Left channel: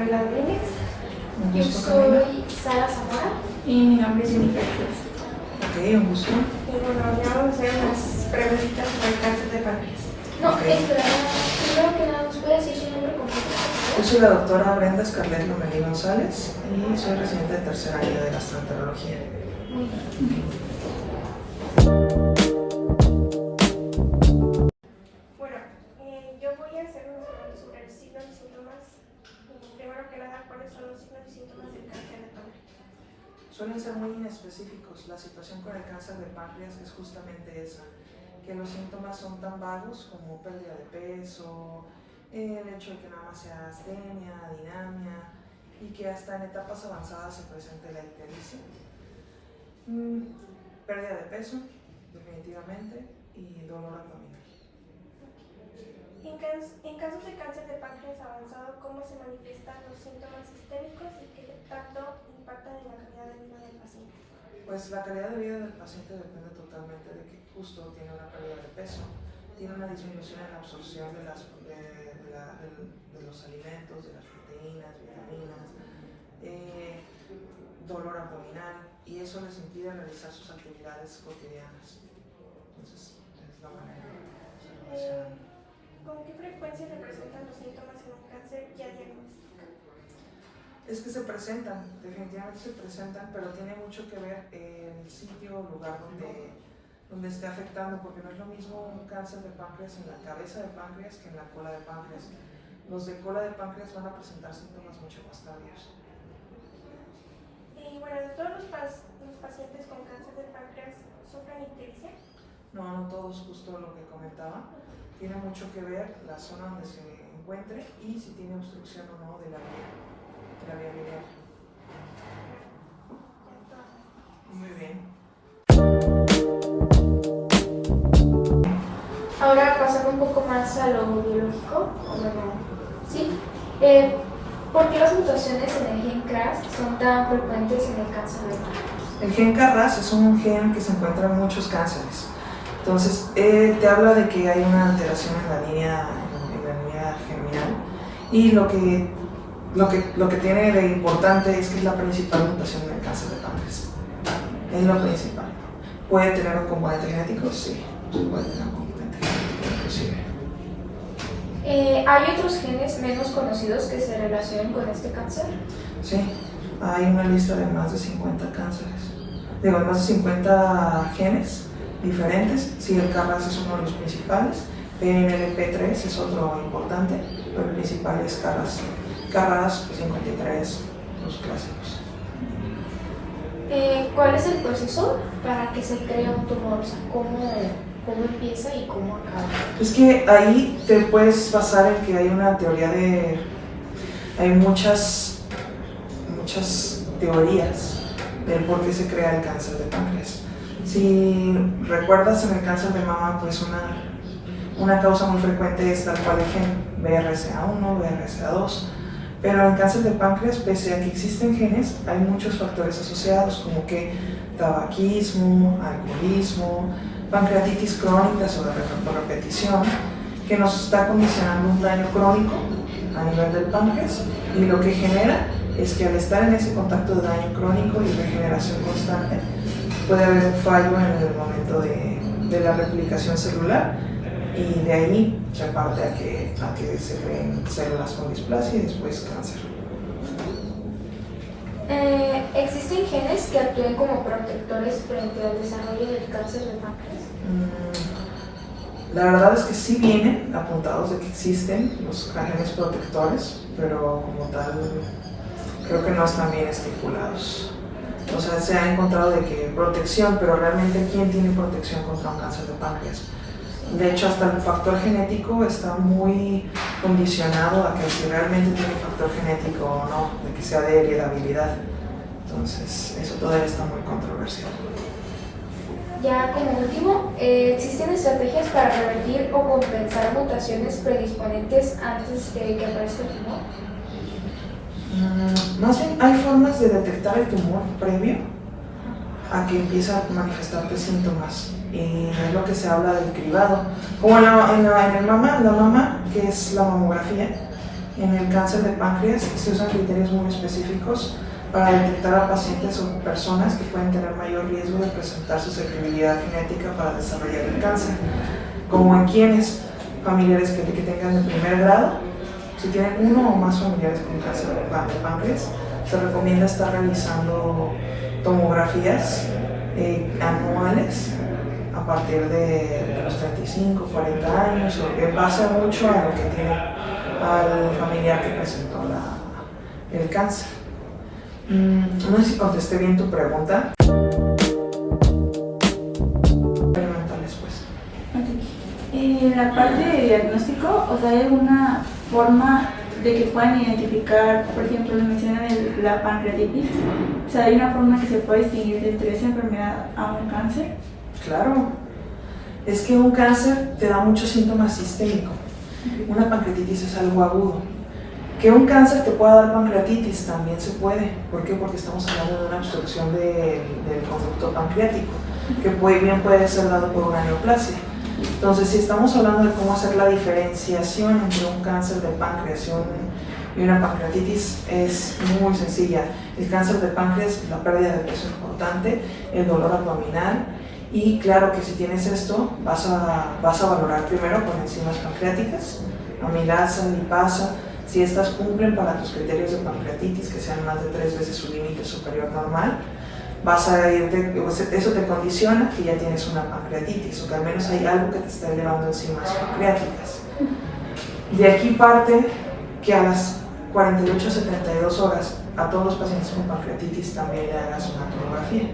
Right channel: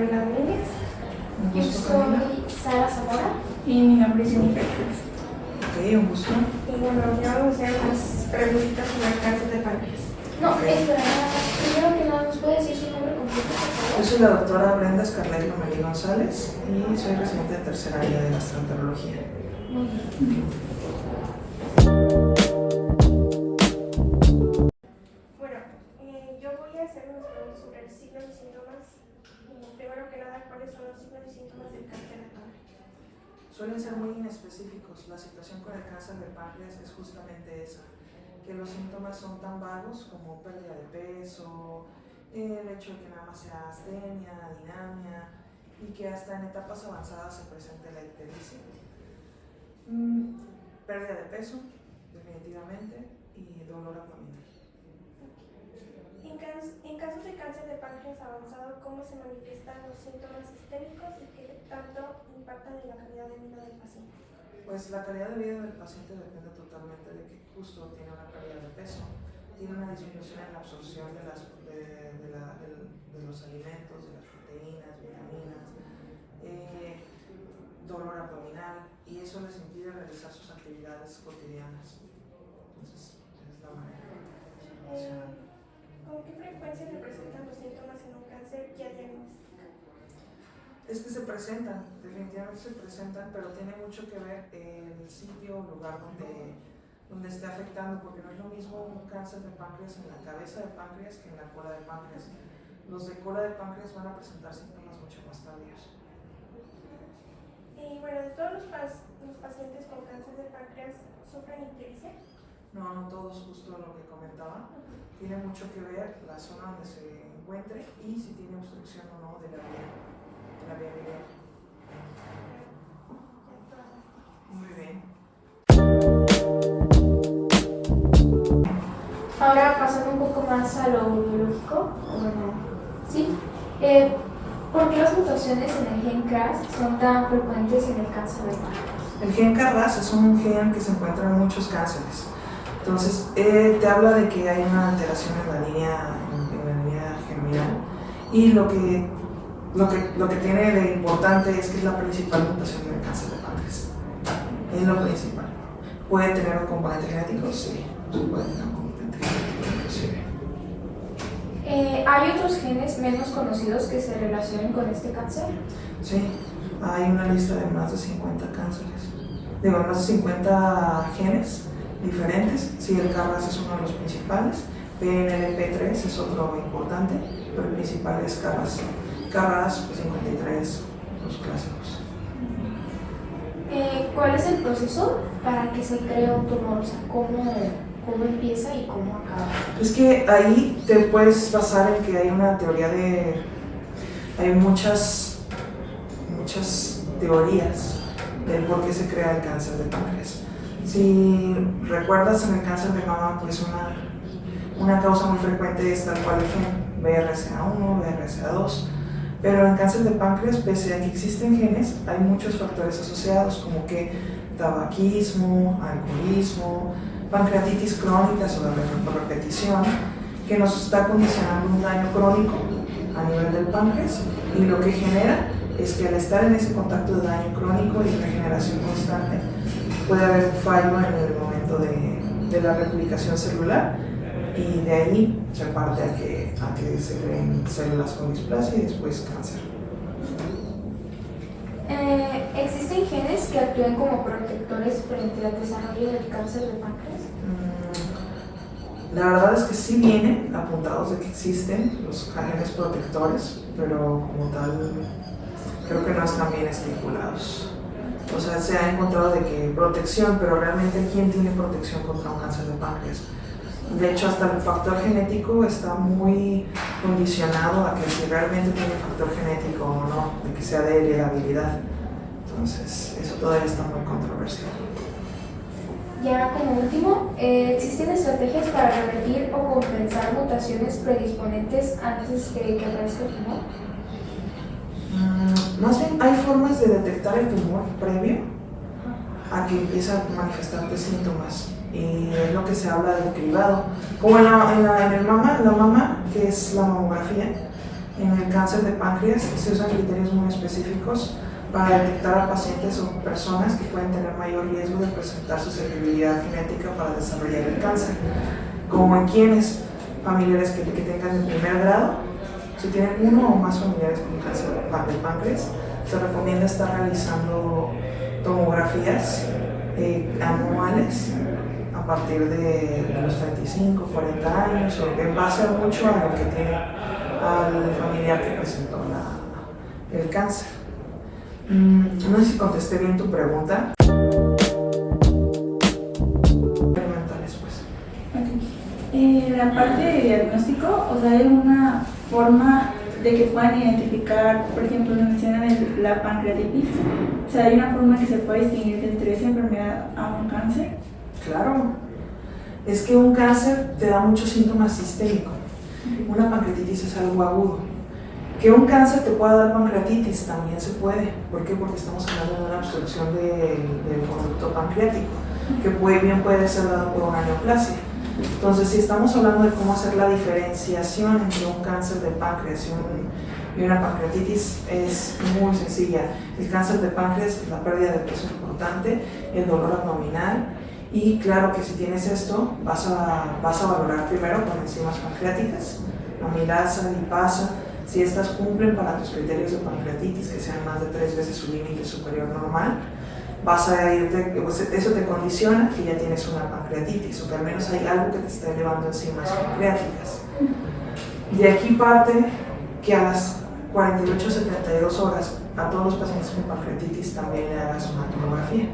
Ávila Domínguez. Un Yo gusto, Camila. soy Sara Zamora. Y mi nombre es Jennifer Cruz. Ok, un gusto. Y bueno, ya vamos a hacer unas preguntitas sobre el cáncer de páncreas. No, Ok. espera, primero que nada, ¿nos puede decir su nombre completo, por Yo favor? soy la doctora Brenda Scarlett Lomelí González y soy residente de tercer año de gastroenterología. Muy bien. Bueno, yo voy a hacer unas preguntas sobre los signos y síntomas. Primero que nada, ¿cuáles son los signos y síntomas del cáncer de páncreas? Suelen ser muy inespecíficos. La situación con el cáncer de páncreas es justamente esa, que los síntomas son tan vagos como pérdida de peso, el hecho de que nada más sea astenia, dinamia y que hasta en etapas avanzadas se presente la ictericia. Pérdida de peso, definitivamente, y dolor abdominal. En casos de cáncer de páncreas avanzado, ¿cómo se manifiestan los síntomas sistémicos y qué tanto impactan en la calidad de vida del paciente? Pues la calidad de vida del paciente depende totalmente de que justo tiene una pérdida de peso, tiene una disminución en la absorción de los alimentos, de las proteínas, vitaminas, dolor abdominal, y eso les impide realizar sus actividades cotidianas. Entonces, es la manera de se relaciona. ¿Con qué frecuencia se presentan los síntomas en un cáncer ya diagnosticado? Es que se presentan, definitivamente se presentan, pero tiene mucho que ver el sitio o lugar donde esté afectando, porque no es lo mismo un cáncer de páncreas en la cabeza de páncreas que en la cola de páncreas. Los de cola de páncreas van a presentar síntomas mucho más tardíos. Y bueno, de todos los pacientes con cáncer de páncreas, ¿sufren ictericia? No todos, justo lo que comentaba. Tiene mucho que ver la zona donde se encuentre y si tiene obstrucción o no de la vía biliar. Muy bien. Ahora pasando un poco más a lo biológico, bueno, ¿sí? ¿Por qué las mutaciones en el gen CRAS son tan frecuentes en el cáncer de páncreas? El gen KRAS es un gen que se encuentra en muchos cánceres. Entonces, te habla de que hay una alteración en la línea germinal y lo que tiene de importante es que es la principal mutación en el cáncer de páncreas. Es lo principal. ¿Puede tener un componente genético? Sí, puede tener un componente genético inclusive. ¿Hay otros genes menos conocidos que se relacionen con este cáncer? Sí, hay una lista de más de 50 cánceres. Más de 50 genes diferentes. Sí, el KRAS es uno de los principales. PNLP3 es otro importante, pero el principal es KRAS. KRAS 53, los clásicos. ¿Cuál es el proceso para que se cree un tumor? O sea, ¿cómo empieza y cómo acaba? Es que ahí te puedes basar en que hay una teoría hay muchas teorías del por qué se crea el cáncer de páncreas. Si recuerdas, en el cáncer de mama, pues una causa muy frecuente es tal cual el gen BRCA1, BRCA2, pero en el cáncer de páncreas, pese a que existen genes, hay muchos factores asociados, como que tabaquismo, alcoholismo, pancreatitis crónica por repetición, que nos está condicionando un daño crónico a nivel del páncreas, y lo que genera es que al estar en ese contacto de daño crónico y regeneración constante, puede haber un fallo en el momento de la replicación celular, y de ahí se parte a que se creen células con displasia y después cáncer. ¿Existen genes que actúen como protectores frente al desarrollo del cáncer de páncreas? La verdad es que sí vienen apuntados de que existen los genes protectores, pero como tal creo que no están bien estipulados. O sea, se ha encontrado de que protección, pero realmente ¿quién tiene protección contra un cáncer de páncreas? De hecho, hasta el factor genético está muy condicionado a que si realmente tiene factor genético o no, de que sea de heredabilidad. Entonces, eso todavía está muy controversial. Ya como último, ¿existen estrategias para revertir o compensar mutaciones predisponentes antes de que aparezca el tumor? Más bien, hay formas de detectar el tumor previo a que empiece a manifestarte síntomas. Y es lo que se habla del cribado. Como en la mama, que es la mamografía, En el cáncer de páncreas se usan criterios muy específicos para detectar a pacientes o personas que pueden tener mayor riesgo de presentar susceptibilidad genética para desarrollar el cáncer, como en quienes familiares que tengan de primer grado. Si tienen uno o más familiares con cáncer de páncreas, se recomienda estar realizando tomografías anuales a partir de los 35, 40 años, o en base mucho a lo que tiene al familiar que presentó el cáncer. No sé si contesté bien tu pregunta. Experimentales, pues. Okay. La parte de diagnóstico, o sea, ¿hay alguna forma de que puedan identificar, por ejemplo, nos mencionan la pancreatitis? O sea, ¿hay una forma que se pueda distinguir entre esa enfermedad a un cáncer? Claro. Es que un cáncer te da muchos síntomas sistémicos. Una pancreatitis es algo agudo. Que un cáncer te pueda dar pancreatitis también se puede. ¿Por qué? Porque estamos hablando de una obstrucción del conducto pancreático, que bien puede ser dado por una neoplasia. Entonces, si estamos hablando de cómo hacer la diferenciación entre un cáncer de páncreas y una pancreatitis, es muy sencilla. El cáncer de páncreas, la pérdida de peso importante, el dolor abdominal, y claro que si tienes esto, vas a valorar primero con enzimas pancreáticas, amilasa, lipasa. Si estas cumplen para tus criterios de pancreatitis, que sean más de 3 veces su límite superior normal, eso te condiciona que ya tienes una pancreatitis, o que al menos hay algo que te está elevando enzimas pancreáticas. De aquí parte que a las 48 a 72 horas a todos los pacientes con pancreatitis también le hagas una tomografía.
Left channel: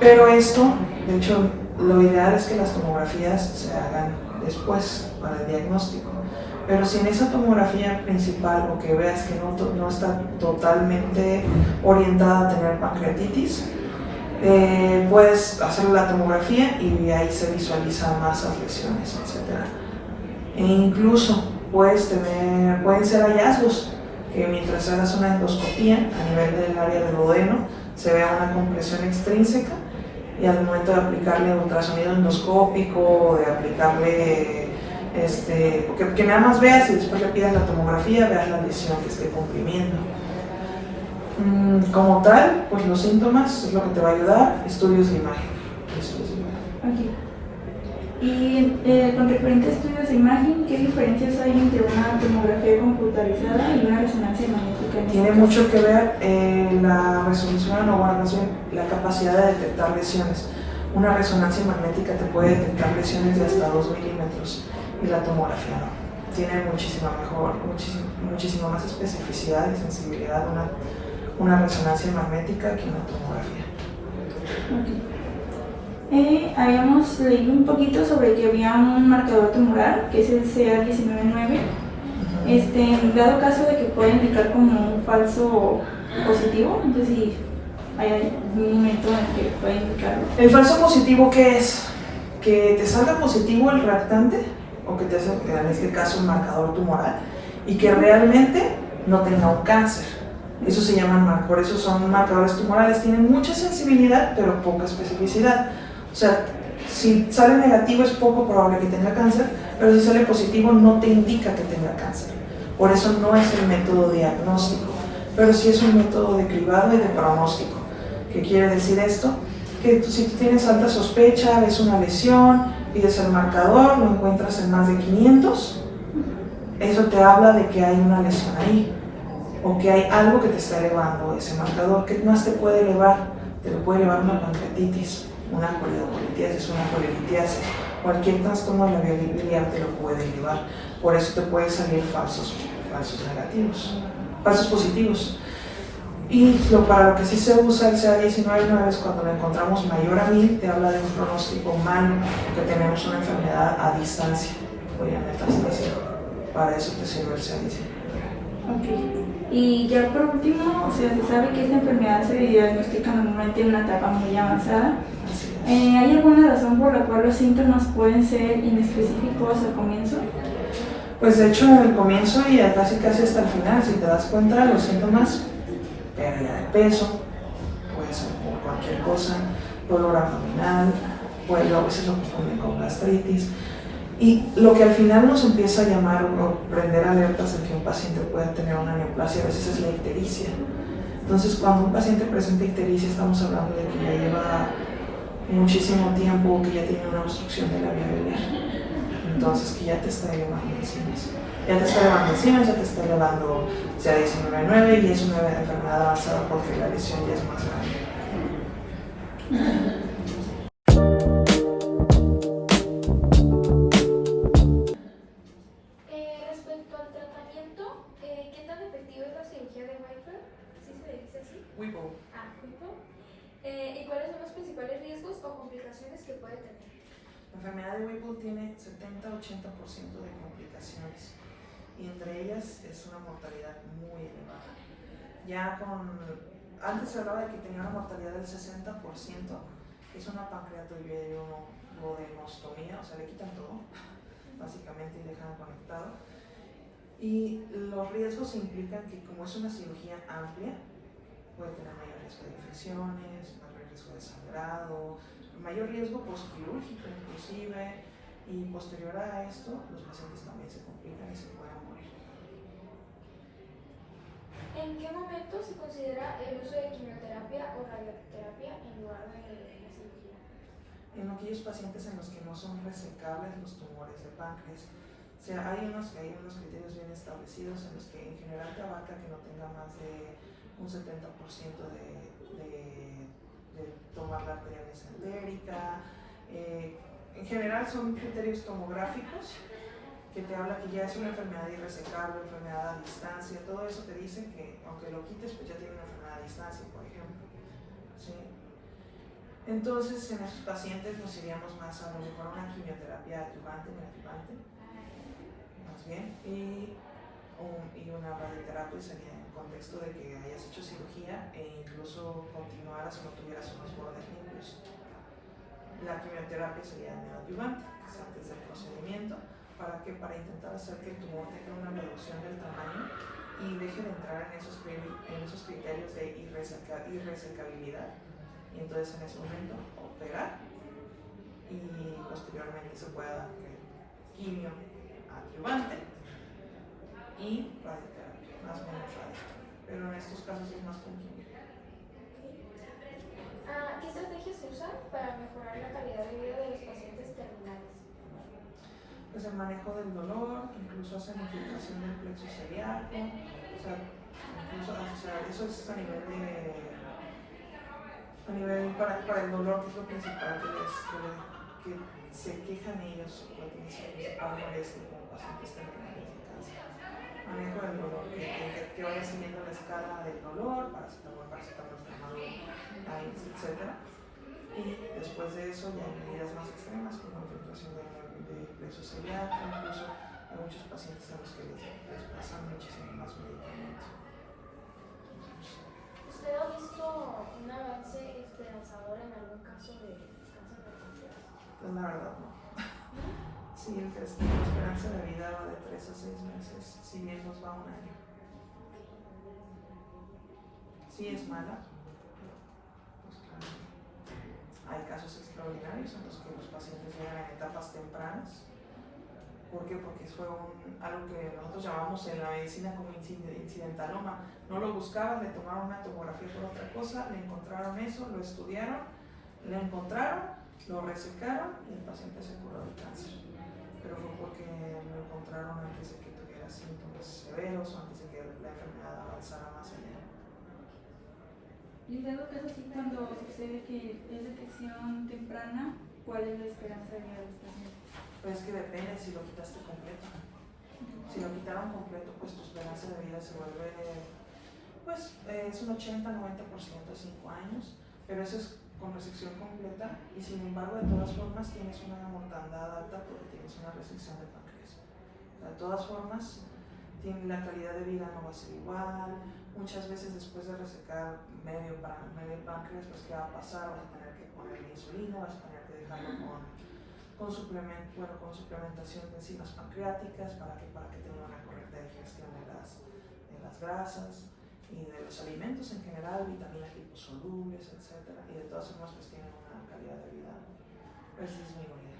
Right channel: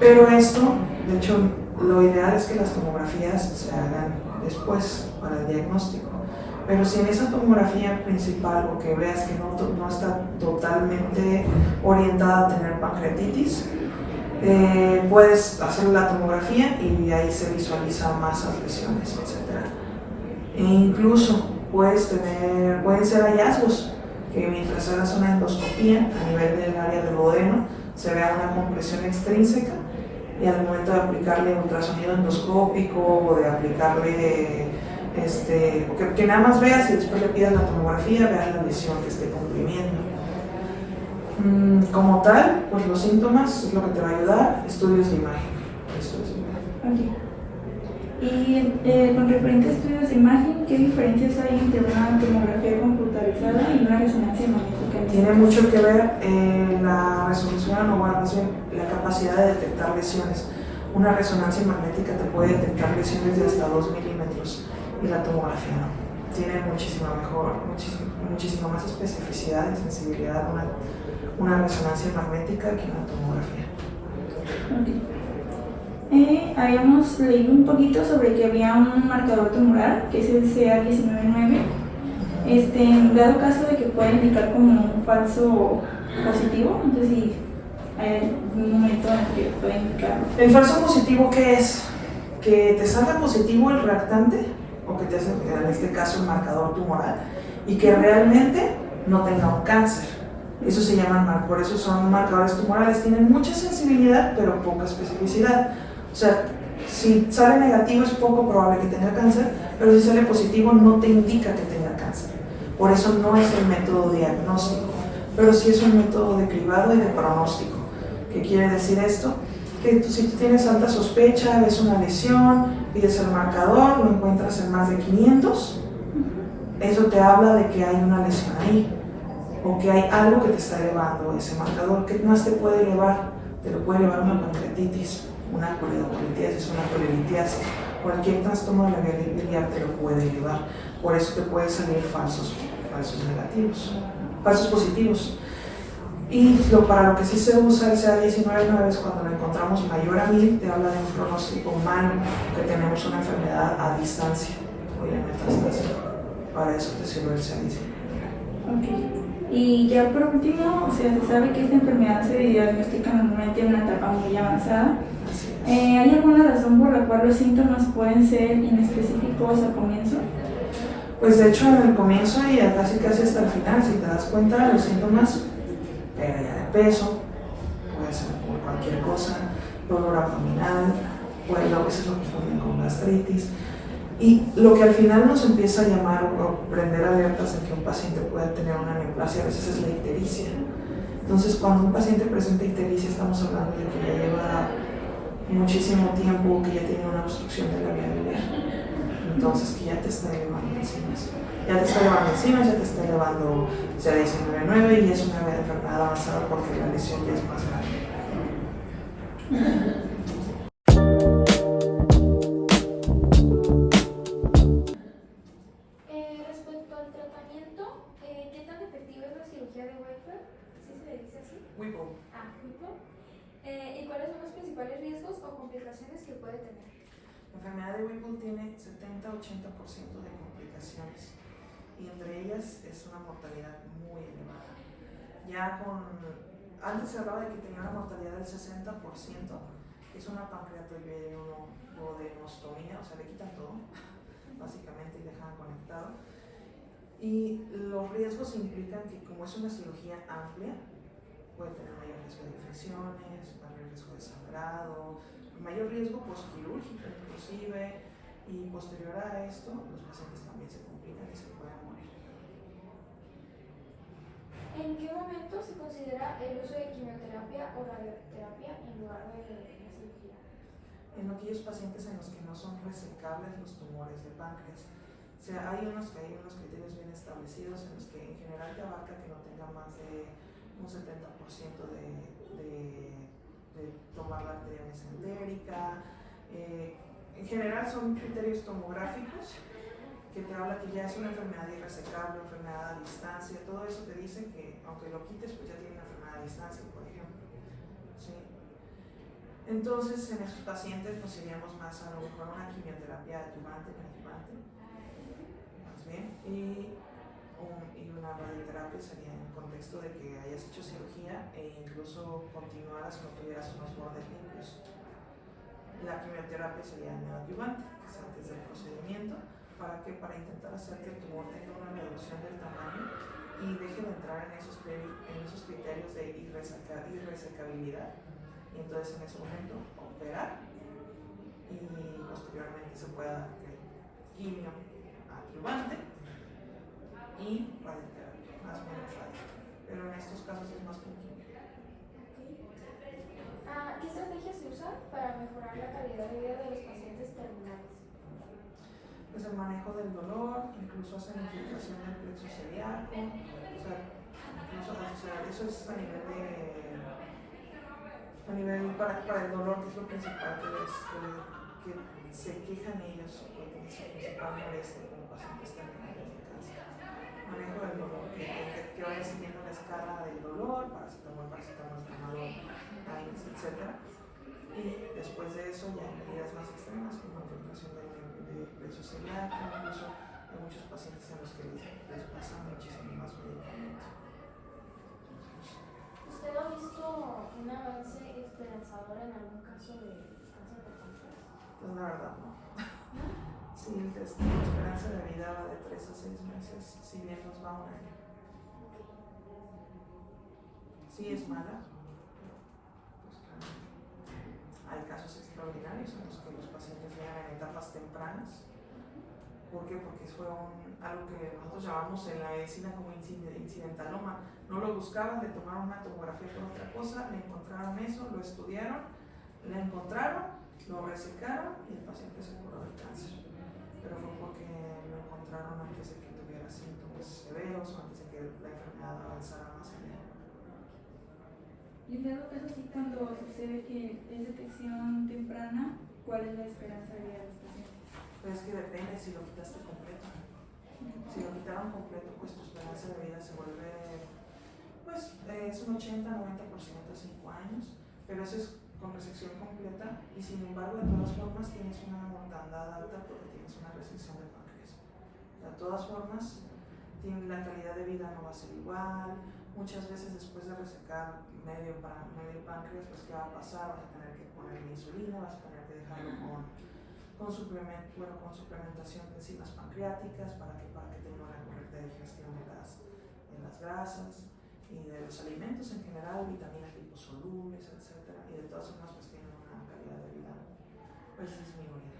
Pero esto, de hecho, lo ideal es que las tomografías se hagan después para el diagnóstico. Pero si en esa tomografía principal o que veas que no está totalmente orientada a tener pancreatitis, puedes hacer la tomografía y ahí se visualiza masas, lesiones, etc. E incluso pueden ser hallazgos que mientras hagas una endoscopía a nivel del área del duodeno se vea una compresión extrínseca, y al momento de aplicarle ultrasonido endoscópico o de aplicarle que nada más veas y después le pidas la tomografía, veas la lesión que esté comprimiendo. Como tal, pues los síntomas es lo que te va a ayudar, estudios de imagen. Okay. Y con referente a estudios de imagen, ¿qué diferencias hay entre una tomografía computarizada y una resonancia magnética? Tiene mucho que ver la resolución o más bien la capacidad de detectar lesiones. Una resonancia magnética te puede detectar lesiones de hasta 2 milímetros. Y la tomografía no. Tiene muchísima más especificidad y sensibilidad una resonancia magnética que una tomografía. Okay. Habíamos leído un poquito sobre que había un marcador tumoral, que es el CA199. En dado caso de que pueda indicar como un falso positivo, entonces si hay un momento en el que puede indicarlo. ¿El falso positivo qué es? Que te salga positivo el reactante, o que te hace, en este caso, un marcador tumoral, y que realmente no tenga un cáncer. Eso se llaman, por eso son marcadores tumorales, tienen mucha sensibilidad, pero poca especificidad. O sea, si sale negativo es poco probable que tenga cáncer, pero si sale positivo no te indica que tenga cáncer. Por eso no es el método diagnóstico, pero sí es un método de cribado y de pronóstico. ¿Qué quiere decir esto? Que si tú tienes alta sospecha, ves una lesión, pides el marcador, lo encuentras en más de 500, eso te habla de que hay una lesión ahí, o que hay algo que te está elevando ese marcador. ¿Qué más te puede elevar? Te lo puede elevar una pancreatitis, una colitis, una colelitiasis, cualquier trastorno de la vía biliar te lo puede elevar. Por eso te puede salir falsos positivos. Y para lo que sí se usa el CA199 es cuando lo encontramos mayor a 1000, te habla de un pronóstico malo, que tenemos una enfermedad a distancia o en metástasis. Para eso te sirve el CA199. Okay. Y ya por último, o sea, se sabe que esta enfermedad se diagnostica normalmente en una etapa muy avanzada. ¿Hay alguna razón por la cual los síntomas pueden ser inespecíficos al comienzo? Pues de hecho, en el comienzo y casi hasta el final, si te das cuenta, los síntomas, pérdida de peso, puede ser por cualquier cosa, dolor abdominal, a veces lo confunden con gastritis. Y lo que al final nos empieza a llamar o prender alertas de que un paciente pueda tener una neoplasia a veces es la ictericia. Entonces, cuando un paciente presenta ictericia, estamos hablando de que ya lleva muchísimo tiempo, que ya tiene una obstrucción de la vía biliar. Entonces, que ya te está elevando enzimas. Ya te está elevando enzimas, ya te está elevando CA19-9 y es una enfermedad avanzada porque la lesión ya es más grande. Respecto al tratamiento, ¿qué tan efectiva es la cirugía de Whipple? ¿Sí se le dice así? Whipple. Whipple. ¿Y cuáles son los principales riesgos o complicaciones que puede tener? La enfermedad de Whipple tiene 70-80% de complicaciones y entre ellas es una mortalidad muy elevada. Antes se hablaba de que tenía una mortalidad del 60%, es una pancreatoidea o de hemostomía, o sea, le quitan todo, básicamente, y dejan conectado. Y los riesgos implican que como es una cirugía amplia, puede tener mayor riesgo de infecciones, mayor riesgo de sangrado, mayor riesgo postquirúrgico inclusive, y posterior a esto los pacientes también se complican y se pueden morir. ¿En qué momento se considera el uso de quimioterapia o radioterapia en lugar de la cirugía? En aquellos pacientes en los que no son resecables los tumores de páncreas. O sea, hay unos criterios bien establecidos en los que en general te abarca que no tenga más de un 70% de tomar la arteria mesentérica. En general son criterios tomográficos que te habla que ya es una enfermedad irresecable, enfermedad a distancia, todo eso te dice que aunque lo quites pues ya tiene una enfermedad a distancia, por ejemplo. ¿Sí? Entonces en esos pacientes nos iríamos más a lo mejor una quimioterapia adyuvante, más bien, y una radioterapia sería en el contexto de que hayas hecho cirugía e incluso continuaras o no tuvieras unos bordes limpios. La quimioterapia sería neoadyuvante, que es antes del procedimiento. ¿Para qué? Para intentar hacer que el tumor tenga una reducción del tamaño y deje de entrar en esos criterios de irresecabilidad. Y entonces en ese momento operar y posteriormente se pueda dar quimio adyuvante y radioterapia, más o menos radio. Pero en estos casos es más con quimio. ¿Qué estrategias se usan para mejorar la calidad de vida de los pacientes terminales? Pues el manejo del dolor, incluso hacen infiltración del plexo celíaco, eso es a nivel para el dolor, que es lo principal que se quejan ellos, o que es su principal molestia como pacientes terminales de cáncer. Manejo del dolor, que vaya siguiendo la escala del dolor, paracetamol, etc. Y después de eso ya hay medidas más extremas como la infiltración de plexo celíaco, incluso hay muchos pacientes a los que les pasan muchísimo más medicamentos. ¿Usted ha visto un avance esperanzador en algún caso de cáncer de páncreas? Pues la verdad no. Sí, la esperanza de vida va de 3 a 6 meses, si bien nos va un año. Sí es mala, pero pues claro. Hay casos extraordinarios en los que los pacientes llegan en etapas tempranas. ¿Por qué? Porque fue algo que nosotros llamamos en la medicina como incidentaloma. No lo buscaban, le tomaron una tomografía por otra cosa, le encontraron eso, lo estudiaron, le encontraron, lo resecaron y el paciente se curó del cáncer. Pero fue porque lo encontraron antes de que tuviera síntomas severos o antes de que la enfermedad avanzara más allá. Y en dado caso, sí, cuando sucede que es detección temprana, ¿cuál es la esperanza de vida de los pacientes? Pues que depende si lo quitaste completo. Si lo quitaron completo, pues tu esperanza de vida se vuelve, pues es un 80-90% a 5 años, pero eso es con resección completa y sin embargo de todas formas tienes una mortandad alta porque tienes una resección de páncreas. De todas formas, la calidad de vida no va a ser igual. Muchas veces después de resecar medio páncreas, pues ¿qué va a pasar? Vas a tener que poner insulina, vas a tener que dejarlo con suplementación de enzimas pancreáticas para que tenga una correcta digestión de las grasas y de los alimentos en general, vitaminas liposolubles, etc. Y de todas formas pues tienen una calidad de vida pues disminuida.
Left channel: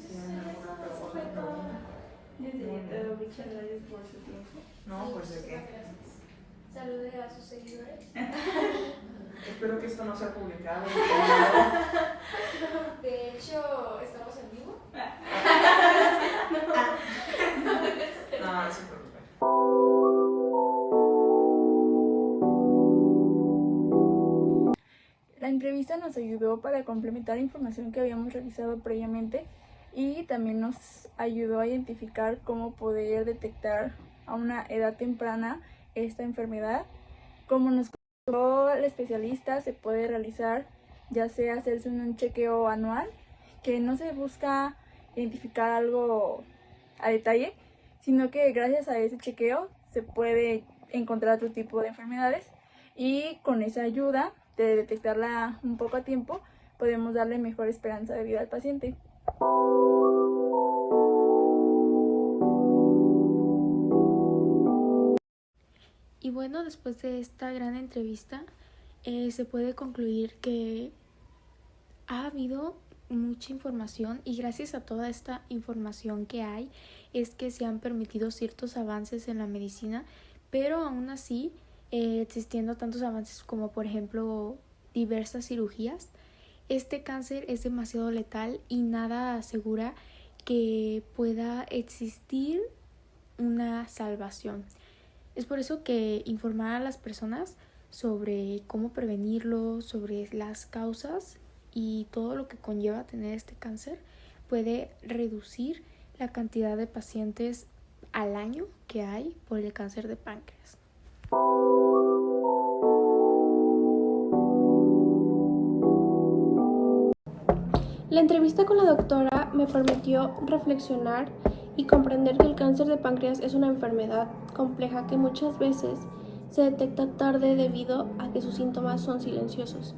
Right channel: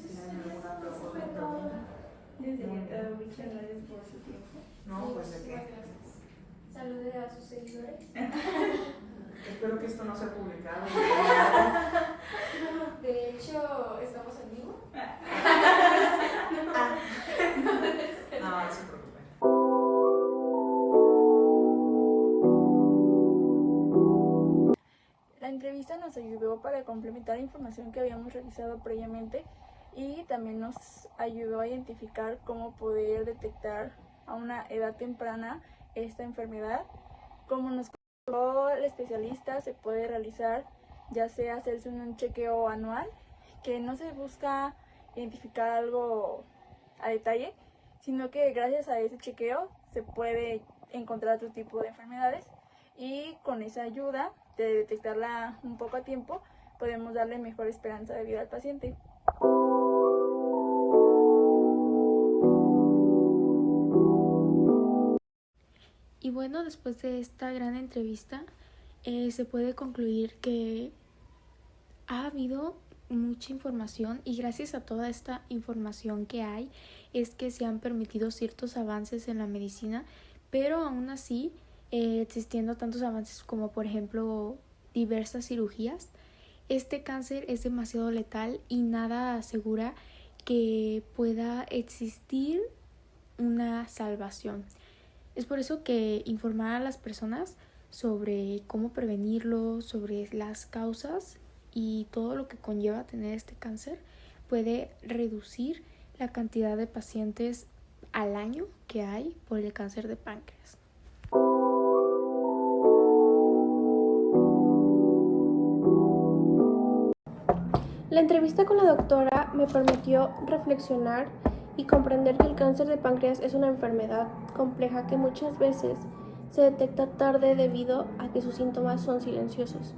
Si hay alguna Eso fue pregunta. todo. Muchas gracias por su tiempo. No, pues de qué. Muchísimas gracias. Saludos a sus seguidores. Espero que esto no sea publicado. De hecho, estamos en vivo. No, no se preocupen. La entrevista nos ayudó para complementar la información que habíamos realizado previamente y también nos ayudó a identificar cómo poder detectar a una edad temprana esta enfermedad. Como nos contó el especialista, se puede realizar ya sea hacerse un chequeo anual, que no se busca identificar algo a detalle, sino que gracias a ese chequeo se puede encontrar otro tipo de enfermedades y con esa ayuda de detectarla un poco a tiempo podemos darle mejor esperanza de vida al paciente. Y bueno, después de esta gran entrevista, se puede concluir que ha habido mucha información y gracias a toda esta información que hay es que se han permitido ciertos avances en la medicina, pero aún así, existiendo tantos avances como por ejemplo diversas cirugías, este cáncer es demasiado letal y nada asegura que pueda existir una salvación. Es por eso que informar a las personas sobre cómo prevenirlo, sobre las causas y todo lo que conlleva tener este cáncer puede reducir la cantidad de pacientes al año que hay por el cáncer de páncreas. La entrevista con la doctora me permitió reflexionar y comprender que el cáncer de páncreas es una enfermedad compleja que muchas veces se detecta tarde debido a que sus síntomas son silenciosos.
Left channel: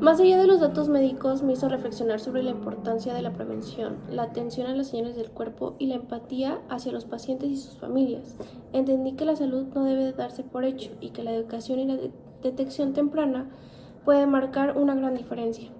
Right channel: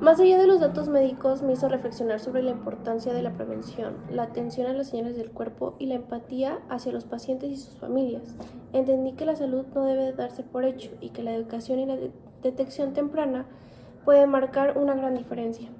Más allá de los datos médicos, me hizo reflexionar sobre la importancia de la prevención, la atención a las señales del cuerpo y la empatía hacia los pacientes y sus familias. Entendí que la salud no debe darse por hecho y que la educación y la detección temprana puede marcar una gran diferencia.